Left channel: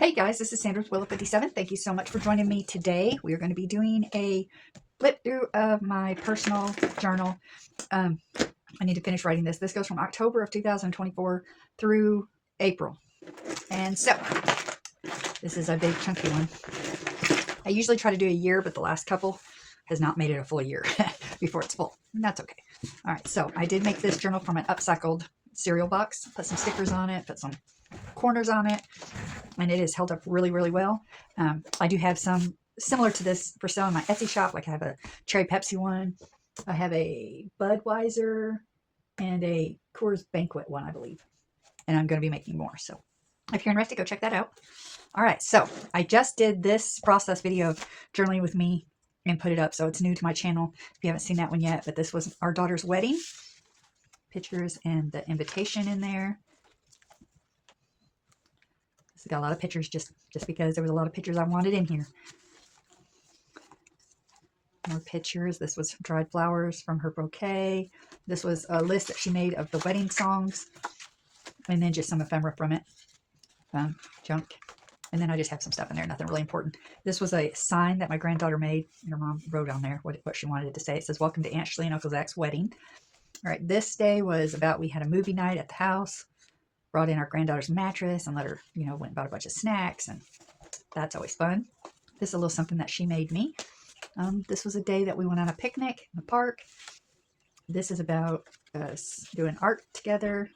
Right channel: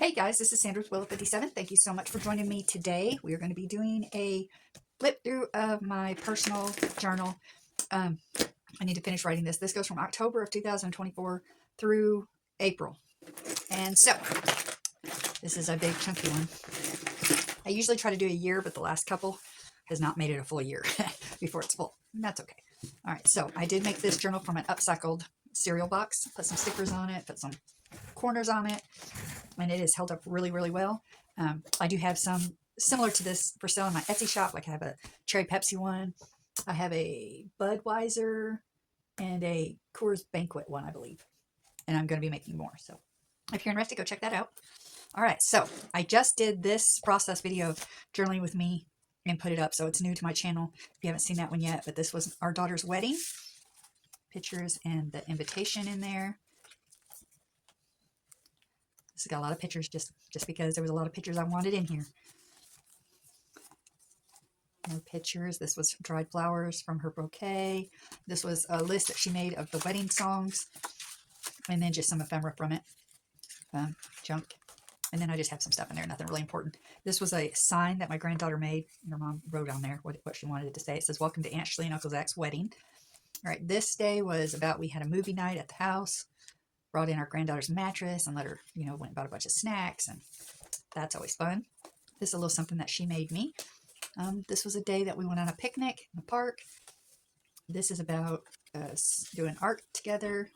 Hey guys, this is Sandra with Willow57. Thank you so much for joining me today. We are going to be doing a flip through of my personal journal. I need to finish writing this. This goes from October of 2024 through April. And so, this is a big chunky one. I usually try to do a year, but the last couple has not made it a full year before it's full. And that's okay. All right, so I did make this journal from an upcycled cereal box. Put some stickers on it, put some corners on it, and it is held up really, really well. I do have some similar to this for sale in my Etsy shop. Like I have a Cherry Pepsi one. I have a Budweiser and a Coors Banquet one, I believe. And I'm going to be making more. So if you're interested, go check that out. All right, so I just did this process video of journaling with me and put it up. So it's new to my channel if you haven't seen that one yet. But this was our daughter's wedding. Pictures and the invitation in there. This has got a lot of pictures just because there was a lot of pictures I wanted in here. More pictures. This was dried flowers from her bouquet. This was a list that she made of the wedding songs. And then just some ephemera from it. Junk. And then I just have some stuff in there, nothing really important. This was a sign that my granddaughter made, and her mom wrote on there what she wanted it to say. It says, "Welcome to Aunt Shirley and Uncle Zach's wedding." All right, this day was about, we had a movie night at the house, brought in our granddaughter's mattress and let her, went and bought a bunch of snacks, and that's always fun. This is a little something that she made me. This was a day that we went on a picnic in the park. This is about us doing art together.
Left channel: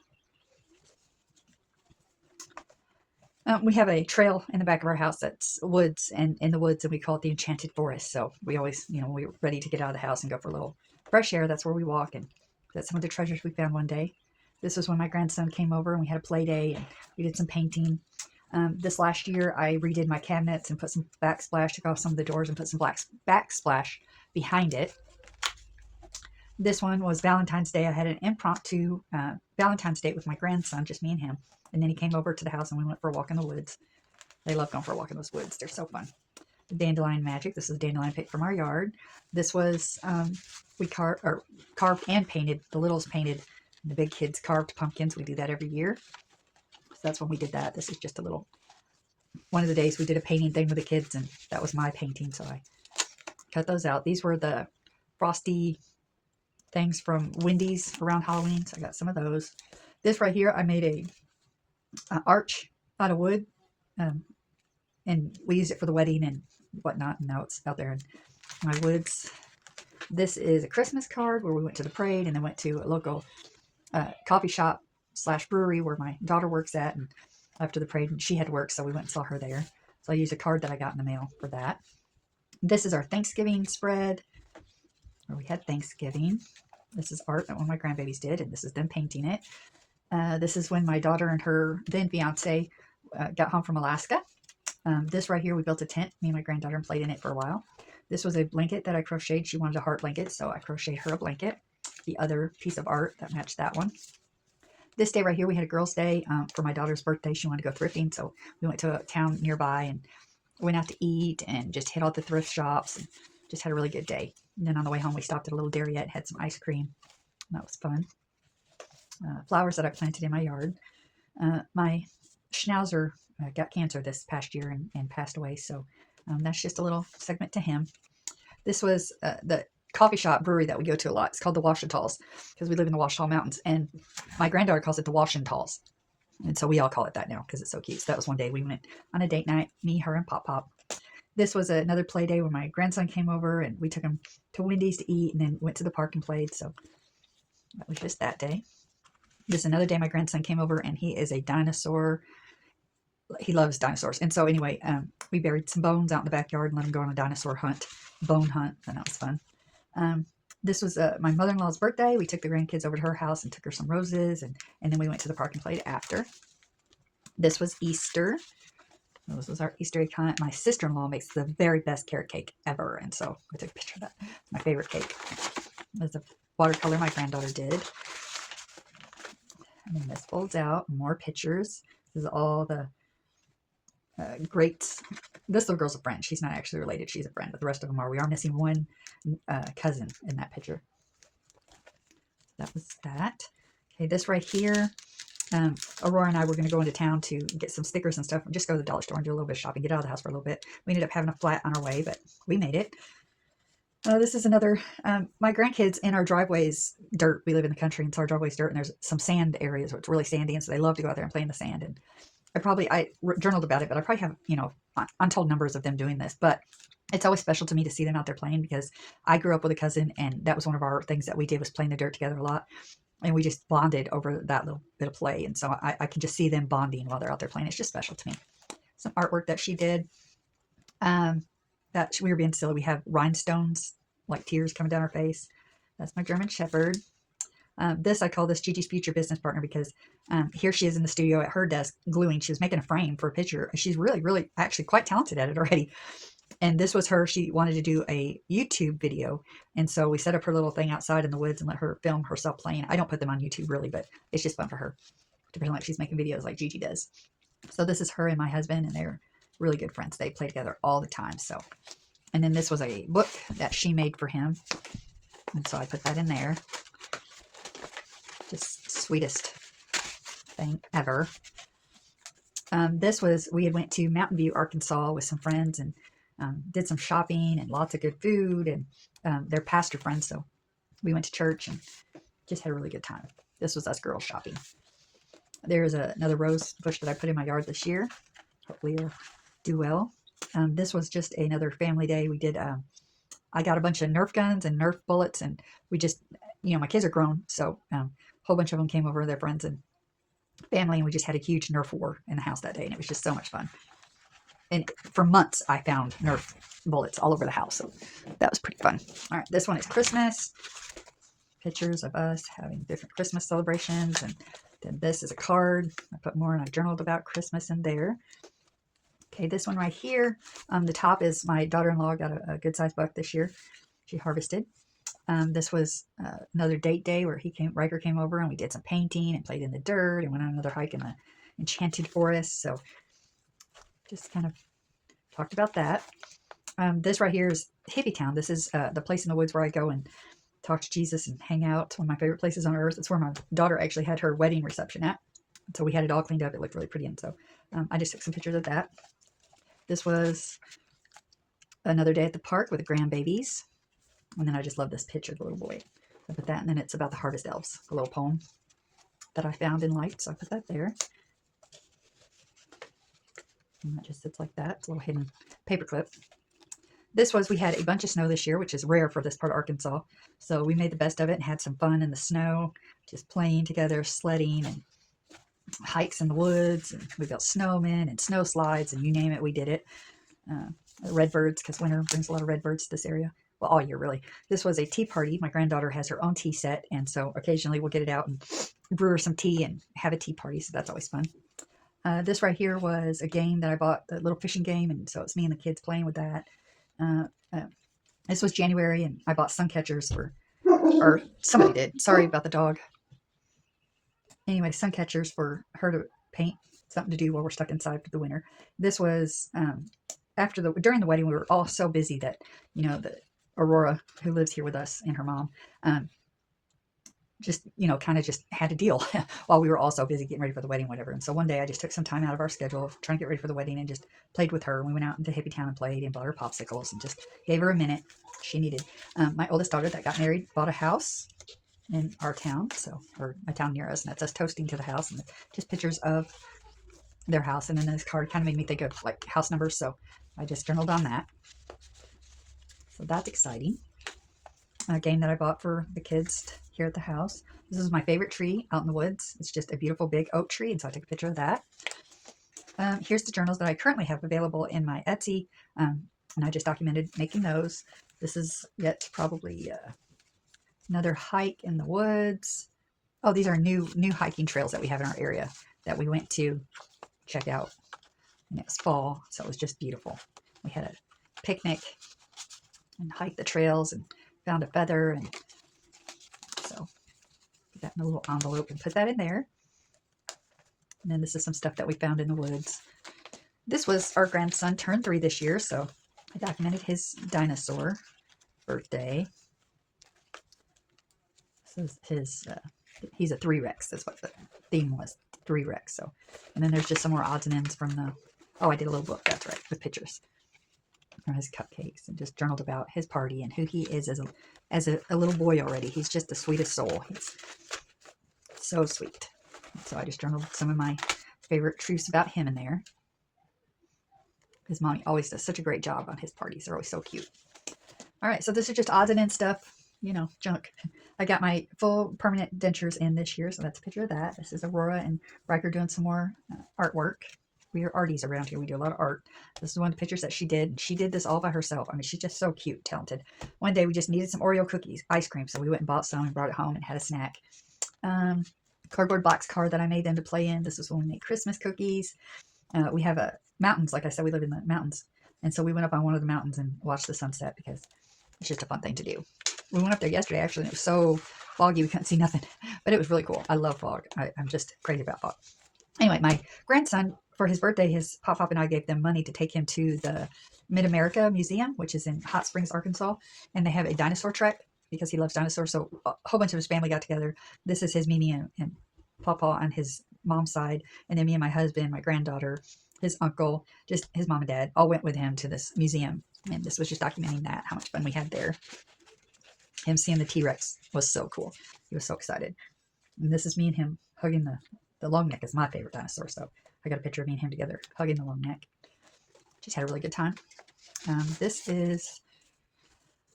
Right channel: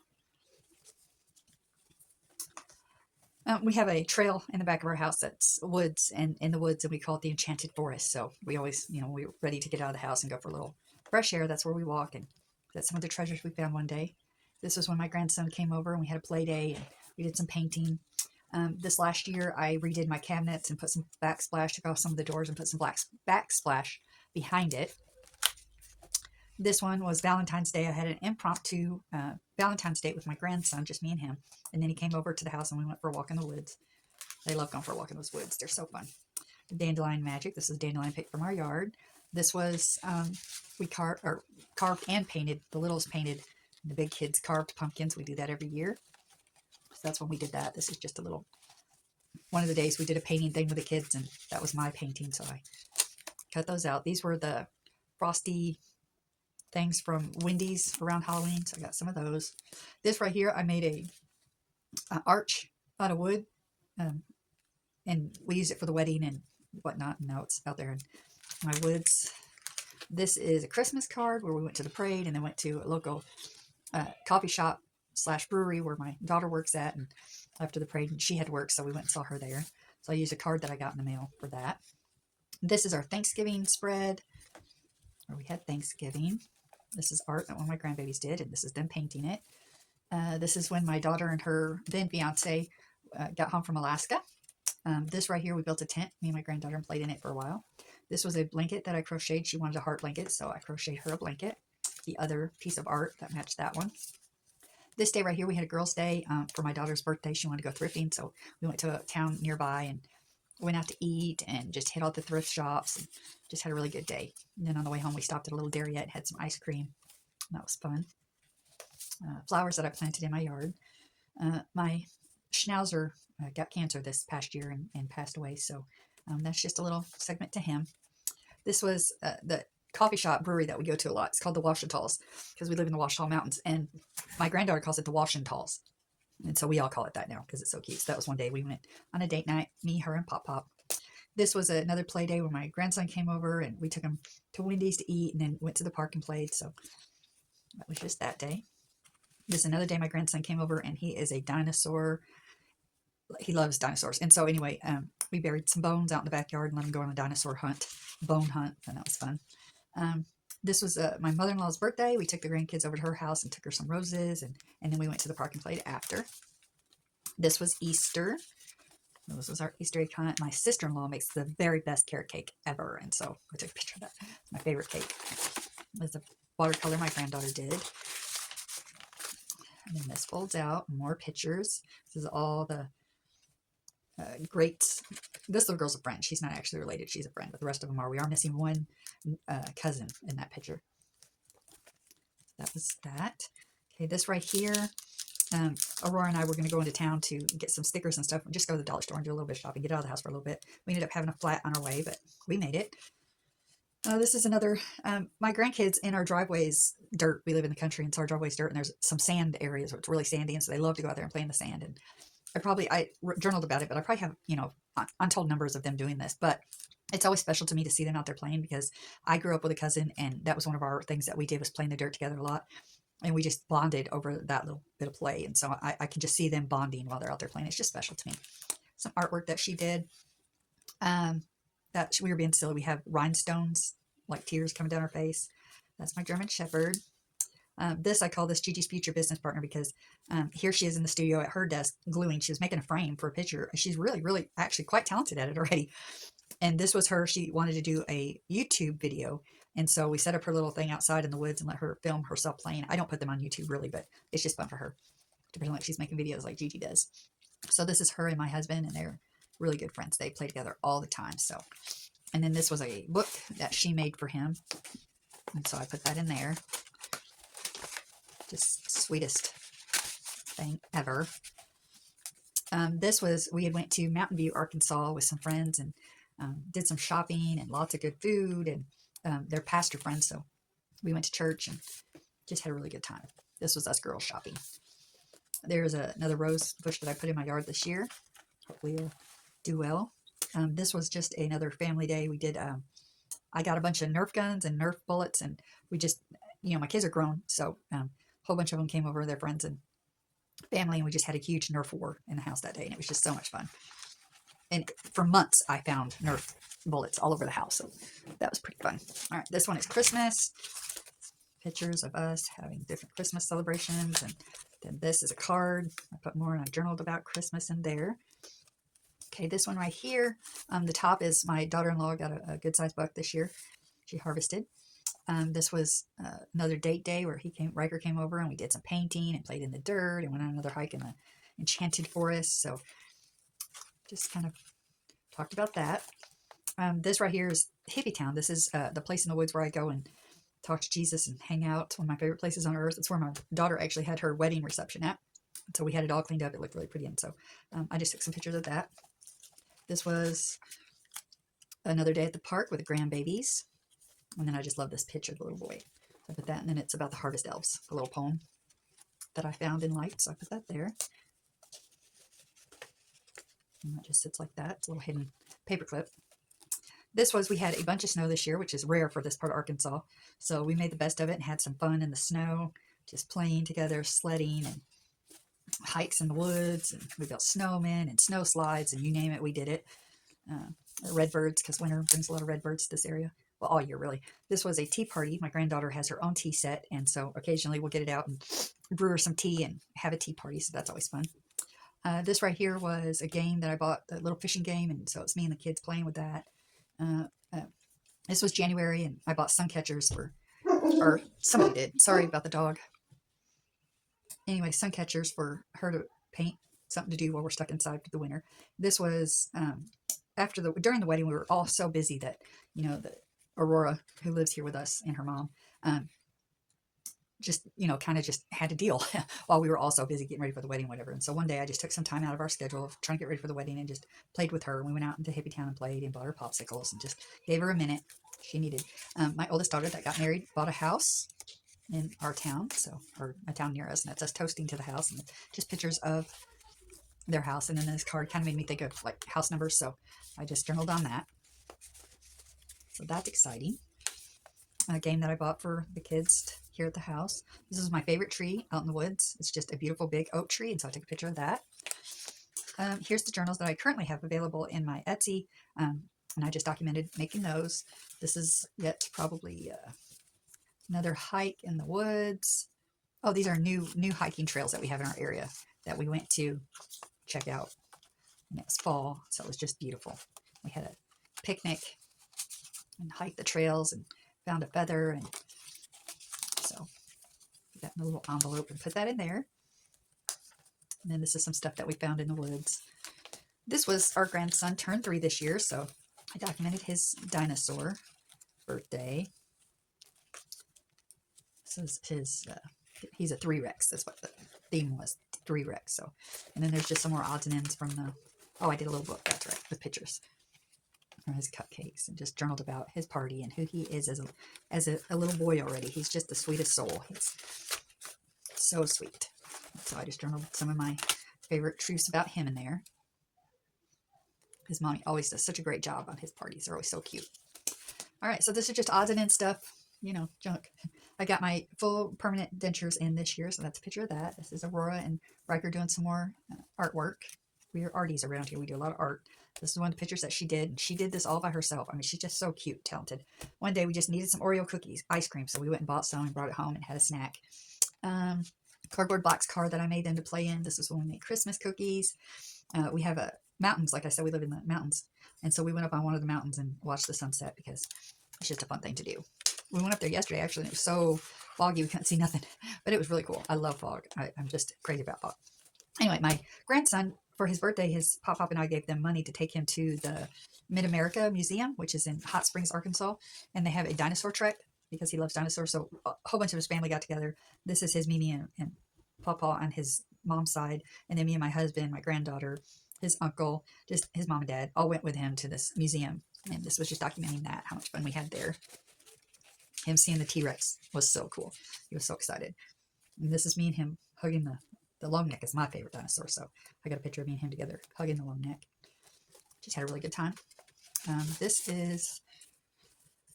We have a trail in the back of our house that's woods, and in the woods, and we call it the Enchanted Forest. So we always, we're ready to get out of the house and go for a little fresh air. That's where we walk, and that's some of the treasures we found one day. This was when my grandson came over and we had a play day, and we did some painting. This last year, I redid my cabinets and put some backsplash, took off some of the doors and put some backsplash behind it. This one was Valentine's Day. I had an impromptu Valentine's date with my grandson, just me and him. And then he came over to the house and we went for a walk in the woods. They love going for a walk in those woods. They're so fun. The dandelion magic. This is a dandelion pick from our yard. This was, we carved and painted. The littles painted. The big kids carved pumpkins. We do that every year. So that's when we did that. This is just a little, one of the days we did a painting thing with the kids, and that was my painting. So I cut those out. These were the frosty things from Wendy's around Halloween. So I got some of those. This right here, I made a arch out of wood, and we used it for the wedding and whatnot, and now it's out there in my woods. This is a Christmas card where we went to the parade and then went to a local coffee shop / brewery where my daughter works at, and after the parade, and she had to work, so we went and saw her there. So I used a card that I got in the mail for that. This is our Thanksgiving spread where we had Thanksgiving. This is art that one of my grandbabies did, and this is them painting it. This is when my daughter and her then fiance got home from Alaska. This right here, we built a tent, me and my granddaughter, and played in it for a while. This was a blanket that I crocheted. She wanted a heart blanket, so I crocheted her a blanket. The other piece of art that matched that one. This day right here, we had a girls' day for my daughter's birthday. She wanted to go thrifting, so we went to a town nearby and went out to eat and just hit all the thrift shops and just had a really good day. And then on the way home, we stopped at a little Dairyette and had some ice cream. And that was fun. Flowers that I planted in my yard. My schnauzer got cancer this past year and passed away, so that's just a little segment to him. This was the coffee shop brewery that we go to a lot. It's called the Washentalls because we live in the Ouachita Mountains, and my granddaughter calls it the Washentalls, and so we all call it that now because it's so cute. So that was one day we went on a date night, me, her, and Pop Pop. This was another play day when my grandson came over, and we took him to Wendy's to eat and then went to the park and played. So that was just that day. This is another day my grandson came over, and he is a dinosaur. He loves dinosaurs. And so anyway, we buried some bones out in the backyard and let him go on a dinosaur hunt, bone hunt, and that was fun. This was my mother-in-law's birthday. We took the grandkids over to her house and took her some roses, and then we went to the park and played after. This was Easter. This was our Easter egg hunt. My sister-in-law makes the very best carrot cake ever, and so I took a picture of that. It's my favorite cake. There's a watercolor my granddaughter did. And then this folds out, more pictures. This is all the greats. This little girl's a friend. She's not actually related. She's a friend, but the rest of them are. We are missing one cousin in that picture. That was that. Okay, this right here Aurora and I were going to go into town to get some stickers and stuff and just go to the dollar store and do a little bit of shopping, get out of the house for a little bit. We ended up having a flat on our way, but we made it. This is another, my grandkids in our driveways, dirt. We live in the country, and so our driveway's dirt, and there's some sand areas where it's really sandy, and so they love to go out there and play in the sand. And I journaled about it, but I probably have, untold numbers of them doing this. But it's always special to me to see them out there playing, because I grew up with a cousin, and that was one of our things that we did, was playing the dirt together a lot. And we just bonded over that little bit of play. And so I can just see them bonding while they're out there playing. It's just special to me. Some artwork that she did. We were being silly. We have rhinestones, like tears coming down her face. That's my German Shepherd. I call this Gigi's future business partner, because here she is in the studio at her desk gluing. She was making a frame for a picture. She's really, really actually quite talented at it already. And this was her. She wanted to do a YouTube video. And so we set up her little thing outside in the woods and let her film herself playing. I don't put them on YouTube really, but it's just fun for her to pretend like she's making videos like Gigi does. So this is her and my husband, and they're really good friends. They play together all the time. So, and then this was a book that she made for him. And so I put that in there. Just sweetest thing ever. We had went to Mountain View, Arkansas with some friends, and did some shopping and lots of good food, and they're pastor friends, so we went to church and just had a really good time. This was us girls shopping. There's another rose bush that I put in my yard this year. Hopefully it'll do well. This was just another family day. We did, I got a bunch of Nerf guns and Nerf bullets, and we just, my kids are grown, so a whole bunch of them came over, their friends and family, and we just had a huge Nerf war in the house that day, and it was just so much fun. And for months, I found Nerf bullets all over the house. So that was pretty fun. All right, this one is Christmas. Pictures of us having different Christmas celebrations. And then this is a card. I put more, and I journaled about Christmas in there. Okay, this one right here. The top is my daughter-in-law got a good-sized buck this year. She harvested. This was another date day where Riker came over, and we did some painting and played in the dirt and went on another hike in the Enchanted Forest. So just kind of talked about that. This right here is Hippie Town. This is the place in the woods where I go and talk to Jesus and hang out. One of my favorite places on earth. It's where my daughter actually had her wedding reception at. So we had it all cleaned up. It looked really pretty. And so I just took some pictures of that. This was another day at the park with the grandbabies. And then I just love this picture of the little boy. So I put that, and then it's about the harvest elves, a little poem that I found and liked. So I put that there. And that just sits like that. It's a little hidden paper clip. We had a bunch of snow this year, which is rare for this part of Arkansas. So we made the best of it and had some fun in the snow, just playing together, sledding, and hikes in the woods. And we built snowmen and snow slides, and you name it, we did it. Redbirds, because winter brings a lot of redbirds to this area. Well, all year, really. This was a tea party. My granddaughter has her own tea set, and so occasionally we'll get it out and brew her some tea and have a tea party, so that's always fun. This right here was a game that I bought, the little fishing game, and so it's me and the kids playing with that. This was January, and I bought sun catchers or somebody did. Sorry about the dog. Anyway, sun catchers for her to paint, something to do while we're stuck inside for the winter. This was during the wedding. We were all so busy that the Aurora, who lives here with us, and her mom, just kind of just had to deal while we were all so busy getting ready for the wedding, whatever. And so one day I just took some time out of our schedule trying to get ready for the wedding and just played with her. We went out into Hippie Town and played and bought her popsicles and just gave her a minute she needed. My oldest daughter that got married bought a house in our town, or a town near us, and that's us toasting to the house, and just pictures of their house. And then this card kind of made me think of like house numbers, so I just journaled on that. So that's exciting. A game that I bought for the kids here at the house. This is my favorite tree out in the woods. It's just a beautiful big oak tree, and so I took a picture of that. Here's the journals that I currently have available in my Etsy, and I just documented making those. This is yet probably another hike in the woods. Oh, these are new hiking trails that we have in our area that we went to check out. And it was fall, so it was just beautiful. We had a picnic and hiked the trails and found a feather, and so put that in a little envelope and put that in there. And then this is some stuff that we found in the woods. This was our grandson turned 3 this year, so I documented his dinosaur birthday. This is his, he's a 3 Rex, that's what the theme was 3 wrecks. So, and then there's just some more odds and ends from the, oh, I did a little book, that's right, with pictures from his cupcakes, and just journaled about his party and who he is as a little boy already. He's just the sweetest soul. He's so sweet. So I just journaled some of my favorite truths about him in there. His mommy always does such a great job on his parties. They're always so cute. All right, so this is just odds and ends stuff, you know, junk. I got my full permanent dentures in this year, so that's a picture of that. This is Aurora and Riker doing some more artwork. We are arties around here. We do a lot of art. This is one of the pictures that she did. She did this all by herself. I mean, she's just so cute, talented. One day we just needed some Oreo cookies, ice cream, so we went and bought some and brought it home and had a snack. Cardboard box car that I made them to play in. This is when we made Christmas cookies. We have mountains. Like I said, we live in the mountains. And so we went up on one of the mountains and watched the sunset because it's just a fun thing to do. We went up there yesterday, actually, and it was so foggy we couldn't see nothing. But it was really cool. I love fog. I'm just crazy about fog. Anyway, my grandson, for his birthday, his Pop and I gave them money to take him to the Mid-America Museum, which is in Hot Springs, Arkansas. And they have a dinosaur track because he loves dinosaurs. So a whole bunch of his family got together. This is his Mimi and Papa on his mom's side. And then me and my husband, my granddaughter, his uncle, just his mom and dad, all went with him to this museum. And this was just documenting that, how much fun we had there. Him seeing the T-Rex was so cool. He was so excited. And this is me and him hugging the long neck. Is my favorite dinosaur. So I got a picture of me and him together hugging the long neck. Just had a really good time. This is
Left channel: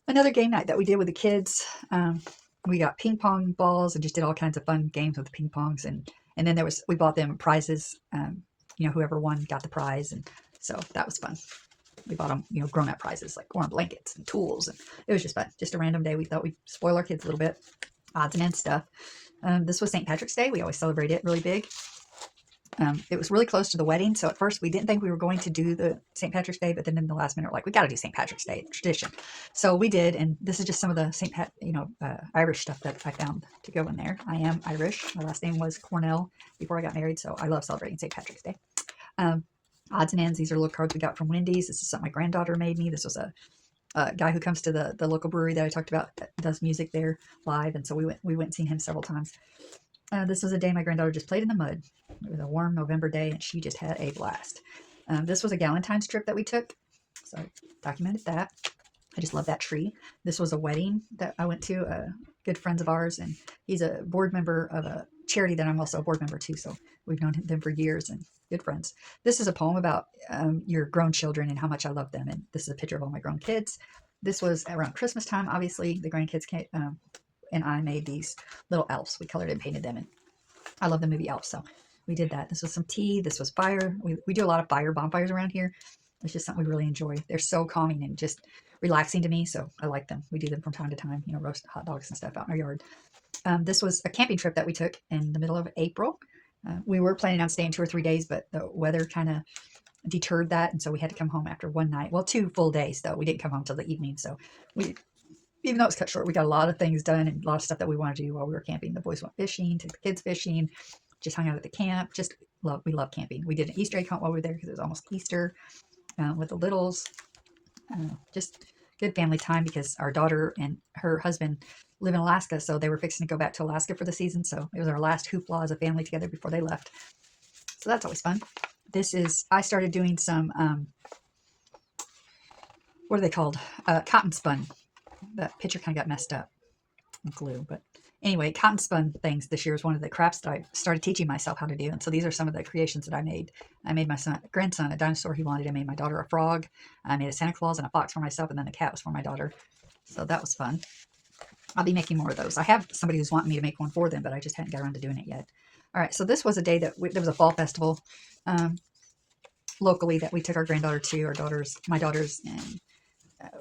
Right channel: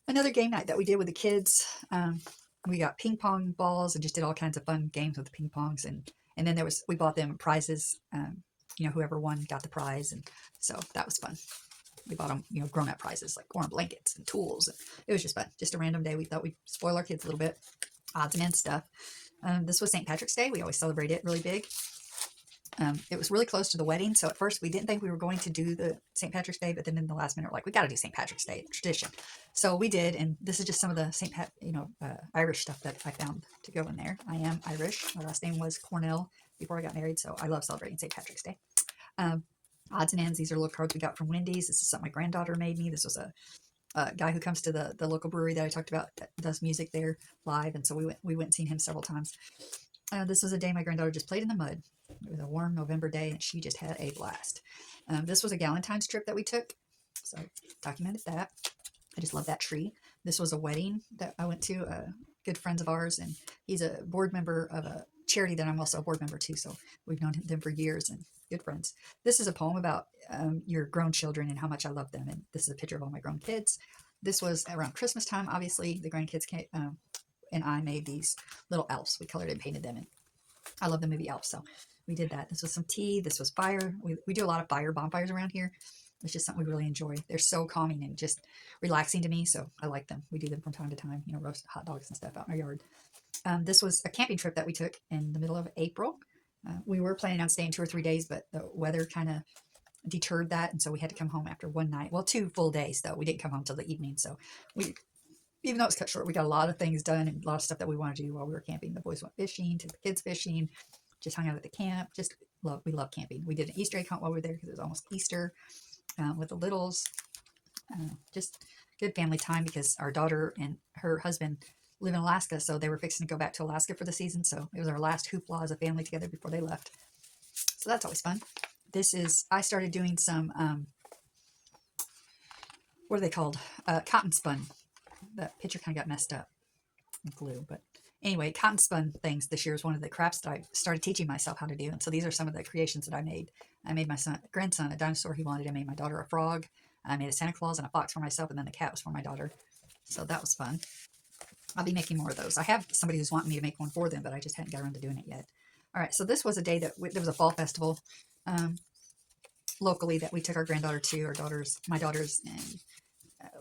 another game night that we did with the kids. We got ping pong balls and just did all kinds of fun games with the ping pongs. And then we bought them prizes. You know, whoever won got the prize. And so that was fun. We bought them, you know, grown-up prizes like warm blankets and tools. And it was just fun. Just a random day. We thought we'd spoil our kids a little bit. Odds and ends stuff. This was St. Patrick's Day. We always celebrate it really big. It was really close to the wedding. So at first we didn't think we were going to do the St. Patrick's Day, but then in the last minute, we're like, we got to do St. Patrick's Day tradition. So we did. And this is just some of the Irish stuff that I found to go in there. I am Irish. My last name was Cornell before I got married. So I love celebrating St. Patrick's Day. Odds and ends. These are little cards we got from Wendy's. This is something my granddaughter made me. This was a guy who comes to the local brewery that I talked about that does music there live. And so we went and seen him several times. This was a day my granddaughter just played in the mud. It was a warm November day, and she just had a blast. This was a Galentine's trip that we took, so I documented that. I just love that tree. This was a wedding that I went to, good friends of ours, and he's a board member of a charity that I'm also a board member to, so we've known them for years and good friends. This is a poem about your grown children and how much I love them, and this is a picture of all my grown kids. This was around Christmas time, obviously. The grandkids came, and I made these little elves. We colored and painted them, and I love the movie Elf, so we did that. This was some tea. This was fire. We do a lot of fire bonfires around here. It's just something we really enjoy. They're so calming and just relaxing to me, so I like them. We do them from time to time, you know, roast hot dogs and stuff out in our yard. This was a camping trip that we took in the middle of April. We were planning on staying 2 or 3 days, but the weather kind of deterred that, and so we had to come home after one night. Well, 2 full days, though. We didn't come home till the evening, so even though it's cut short, we got a lot of things done and a lot of stuff that we wanted to do while we were camping. The boys went fishing, took the kids fishing, just hung out at the camp. We love camping. We did an Easter egg hunt while we were there because it was almost Easter with the littles. Just good family time because our daughter and her husband live in Alaska, so they were fixing to go back to Alaska for the season. So it was our last hoopla as a family together before they left. So that's always fun. I started doing some, what are they called? Cotton spun. That picture kind of got messed up with glue, but anyway, cotton spun things this year is one of the crafts that I started teaching myself how to do. And so these are some of the creations that I made. I made my grandson a dinosaur he wanted. I made my daughter a frog. I made a Santa Claus and a fox for myself, and then the cat was for my daughter. So that was fun. I'll be making more of those. I have somebody who's wanting me to make one for them, but I just hadn't got around to doing it yet. All right, so this was a day that there was a fall festival locally that we took our granddaughter to, my daughters, and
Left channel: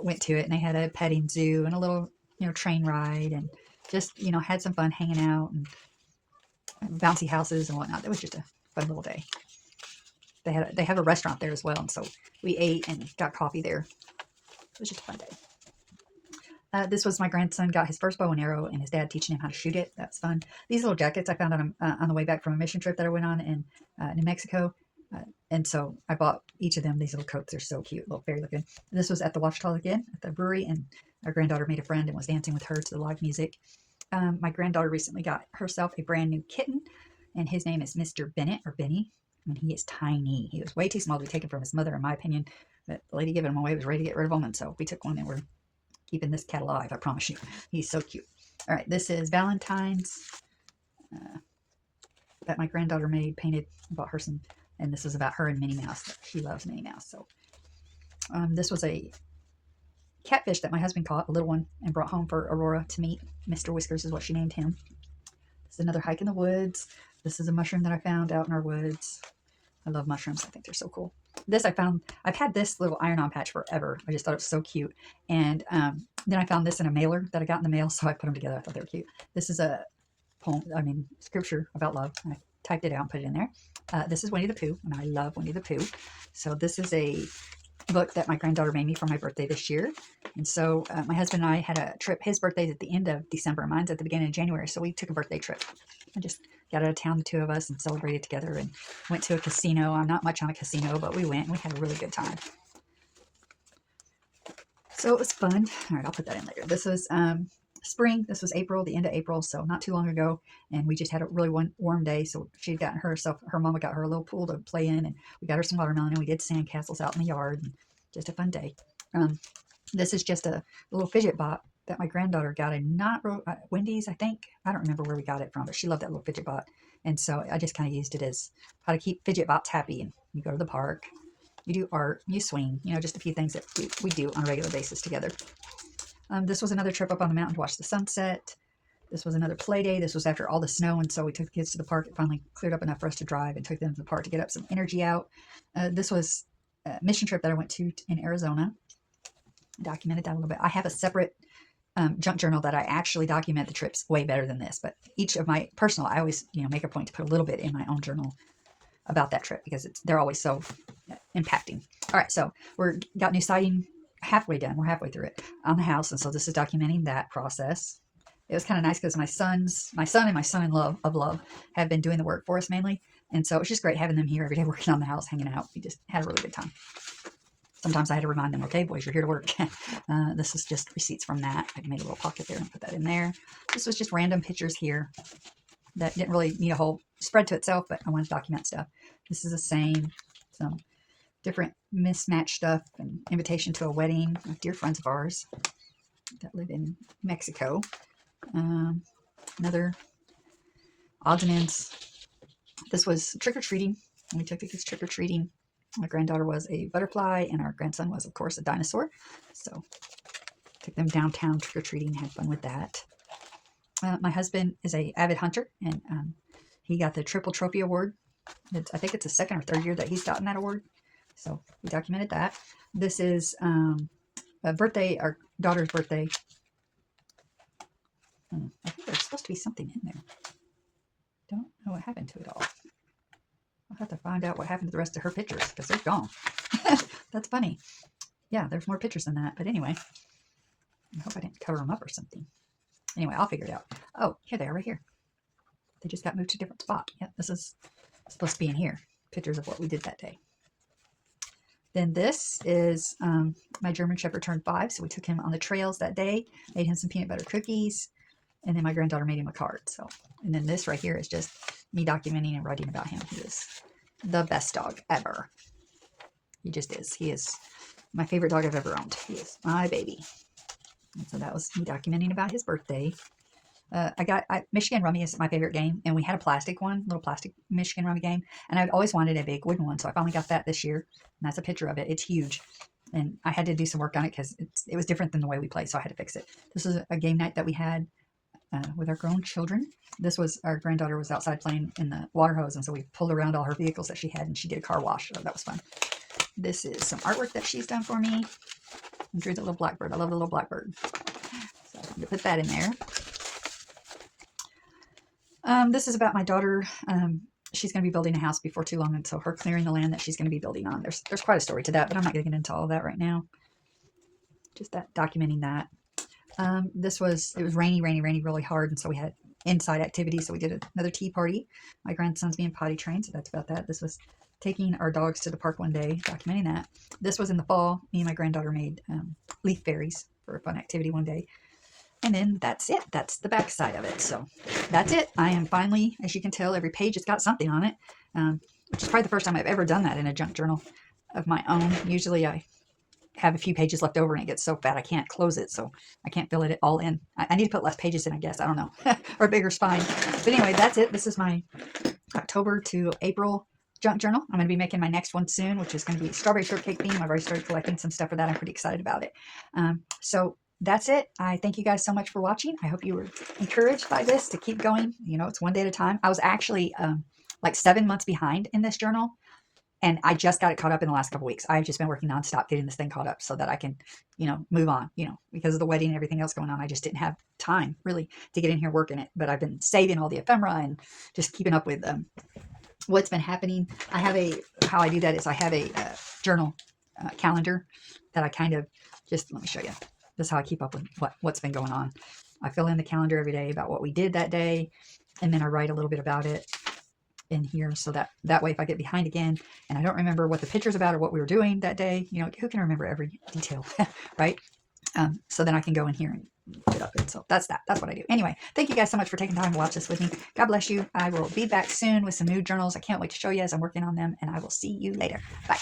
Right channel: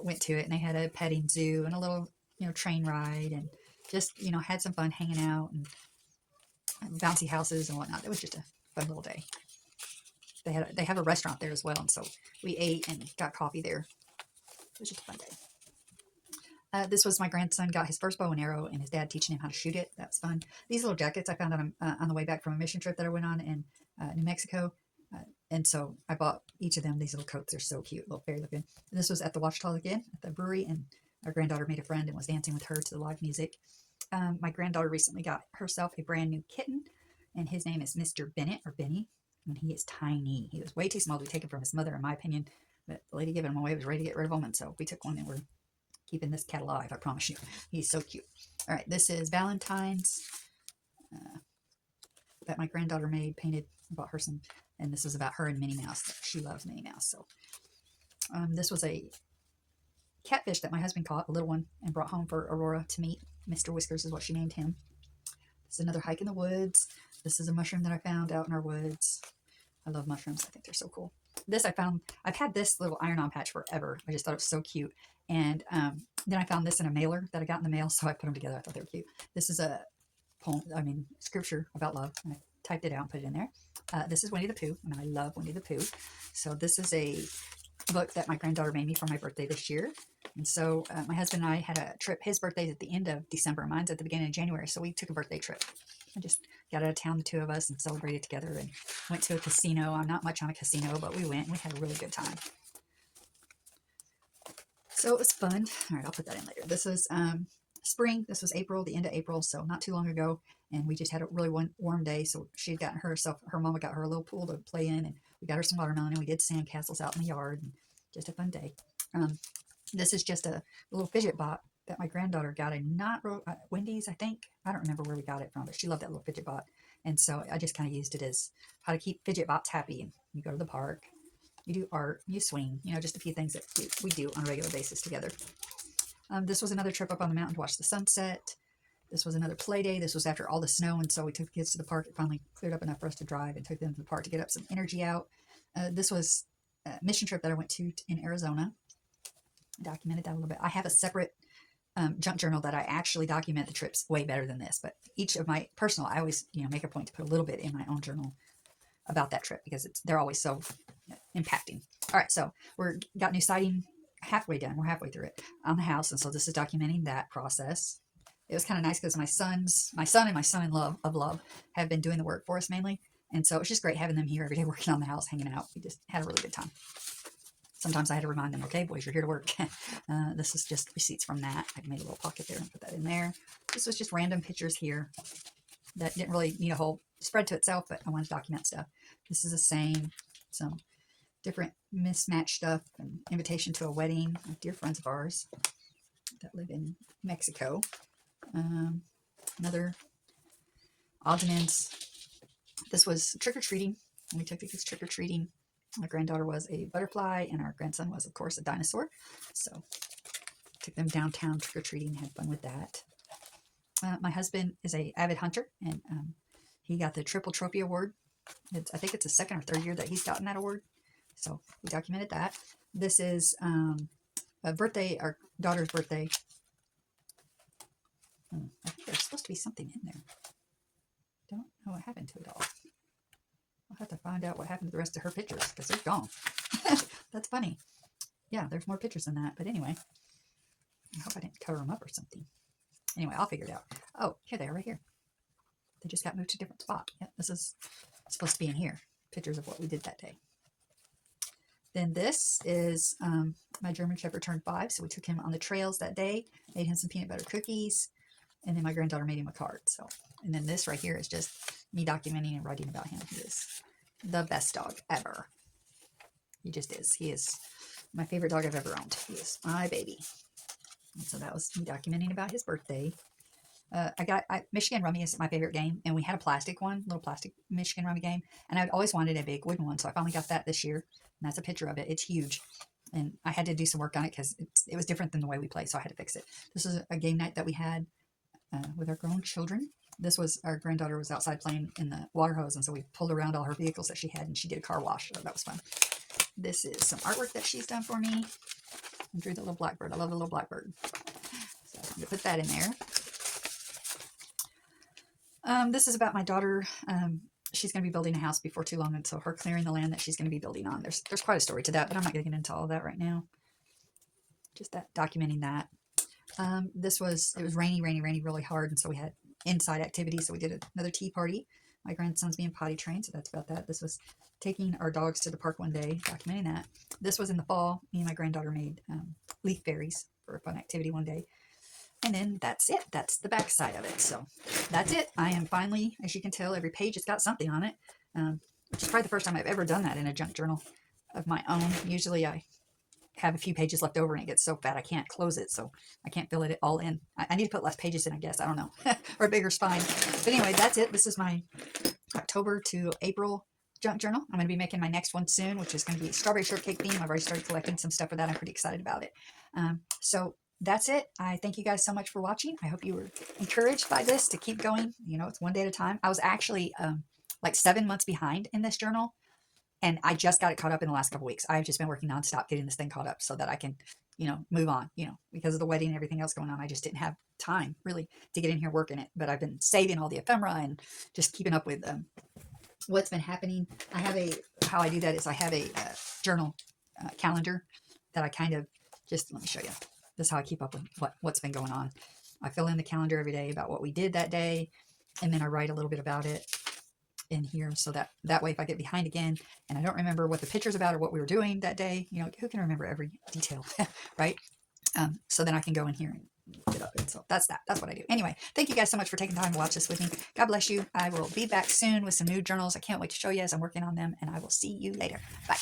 went to it. And they had a petting zoo and a little, train ride, and just, had some fun hanging out and bouncy houses and whatnot. It was just a fun little day. They have a restaurant there as well, and so we ate and got coffee there. It was just a fun day. This was my grandson got his first bow and arrow, and his dad teaching him how to shoot it. That's fun. These little jackets I found on the way back from a mission trip that I went on in New Mexico. And so I bought each of them. These little coats are so cute, little fairy looking. This was at the Ouachita again, at the brewery, and our granddaughter made a friend and was dancing with her to the live music. My granddaughter recently got herself a brand new kitten. and his name is Mr. Bennett or Benny, and he is tiny. He was way too small to be taken from his mother, in my opinion. But the lady giving him away was ready to get rid of him, and so we took one, and we're keeping this cat alive. I promise you, he's so cute. All right, this is Valentine's that my granddaughter made, painted. Bought her some, and this is about her and Minnie Mouse. She loves Minnie Mouse. So this was a catfish that my husband caught, a little one, and brought home for Aurora to meet. Mr. Whiskers is what she named him. This is another hike in the woods. This is a mushroom that I found out in our woods. I love mushrooms. I think they're so cool. This I found, I've had this little iron-on patch forever. I just thought it was so cute. And then I found this in a mailer that I got in the mail, so I put them together. I thought they were cute. This is a poem, scripture about love. I typed it out and put it in there. This is Winnie the Pooh, and I love Winnie the Pooh. So this is a book that my granddaughter made me for my birthday this year. And so my husband and I had a trip. His birthday's at the end of December. Mine's at the beginning of January. So we took a birthday trip. I just got out of town, the two of us, and celebrated together and went to a casino. I'm not much on a casino, but we went and we had a really good time. So it was fun. All right, I'll put that in later. This was spring. This was April, the end of April, so not too long ago. And we just had a really warm day. So she had gotten herself, her mama got her a little pool to play in, and we got her some watermelon, and we did sand castles out in the yard. And just a fun day. This is just a little fidget bot that my granddaughter got in Wendy's, I think. I don't remember where we got it from, but she loved that little fidget bot. And so I just kind of used it as how to keep fidget bots happy. And you go to the park, you do art, you swing, just a few things that we do on a regular basis together. This was another trip up on the mountain to watch the sunset. This was another play day. This was after all the snow, and so we took the kids to the park. It finally cleared up enough for us to drive and took them to the park to get up some energy out. This was a mission trip that I went to in Arizona. Documented that a little bit. I have a separate junk journal that I actually document the trips way better than this, but each of my personal, I always make a point to put a little bit in my own journal about that trip because they're always so impacting. All right, so got new siding halfway done. We're halfway through it on the house, and so this is documenting that process. It was kind of nice because my son and my son-in-law of love have been doing the work for us mainly, and so it's just great having them here every day working on the house, hanging out. We just had a really good time. Sometimes I had to remind them, okay, boys, you're here to work. This is just receipts from that. I made a little pocket there and put that in there. This was just random pictures here that didn't really need a whole spread to itself, but I wanted to document stuff. This is the same, some different mismatched stuff, an invitation to a wedding of dear friends of ours that live in Mexico. Another odds and ends. This was trick-or-treating. We took the kids trick-or-treating. My granddaughter was a butterfly, and our grandson was, of course, a dinosaur. So took them downtown trick-or-treating, had fun with that. My husband is an avid hunter, and he got the Triple Trophy Award. I think it's the second or third year that he's gotten that award. So we documented that. This is a birthday, our daughter's birthday. I think there's supposed to be something in there. Don't know what happened to it all. I'll have to find out what happened to the rest of her pictures because they're gone. That's funny. Yeah, there's more pictures than that. But anyway, I hope I didn't cover them up or something. Anyway, I'll figure it out. Oh, here they are right here. They just got moved to a different spot. Yeah, this is supposed to be in here. Pictures of what we did that day. Then this is my German Shepherd turned 5. So we took him on the trails that day, made him some peanut butter cookies, and then my granddaughter made him a card. So, and then this right here is just me documenting and writing about him. He is the best dog ever. He just is. He is my favorite dog I've ever owned. He is my baby. And so that was me documenting about his birthday. Michigan Rummy is my favorite game, and we had a plastic one, little plastic Michigan Rummy game, and I'd always wanted a big wooden one, so I finally got that this year, and that's a picture of it. It's huge, and I had to do some work on it because it was different than the way we play, so I had to fix it. This is a game night that we had with our grown children. This was, our granddaughter was outside playing in the water hose, and so we pulled around all her vehicles that she had, and she did a car wash, so that was fun. This is some artwork that she's done for me. I drew the little blackbird. I love the little blackbird. So I'm going to put that in there. This is about my daughter. She's going to be building a house before too long, and so her clearing the land that she's going to be building on. There's quite a story to that, but I'm not going to get into all of that right now. Just that, documenting that. It was rainy really hard, and so we had inside activities, so we did another tea party. My grandson's being potty trained, so that's about that. This was taking our dogs to the park one day, documenting that. This was in the fall. Me and my granddaughter made leaf fairies for a fun activity one day. And then that's it. That's the back side of it. So that's it. I am finally, as you can tell, every page has got something on it, which is probably the first time I've ever done that in a junk journal of my own. Usually I have a few pages left over and it gets so fat I can't close it, so I can't fill it all in. I need to put less pages in, I guess. I don't know. Or a bigger spine. But anyway, that's it. This is my October to April junk journal. I'm going to be making my next one soon, which is going to be strawberry shortcake theme. I've already started collecting some stuff for that. I'm pretty excited about it. So that's it. I thank you guys so much for watching. I hope you were encouraged by this to keep going. You know, it's one day at a time. I was actually like 7 months behind in this journal, and I just got it caught up in the last couple weeks. I've just been working nonstop getting this thing caught up so that I can, you know, move on, you know, because of the wedding and everything else going on. I just didn't have time really to get in here working it, but I've been saving all the ephemera and just keeping up with what's been happening. I have how I do that is I have a journal calendar that I kind of just, let me show you. This is how I keep up with what's been going on. I fill in the calendar every day about what we did that day, and then I write a little bit about it in here, so that way if I get behind again and I don't remember what the picture's about or what we were doing that day, you know, who can remember every detail, right? So then I can go in here and get up. And so that's what I do. Anyway, thank you guys so much for taking time to watch this with me. God bless you. I will be back soon with some new journals. I can't wait to show you as I'm working on them, and I will see you later. Bye.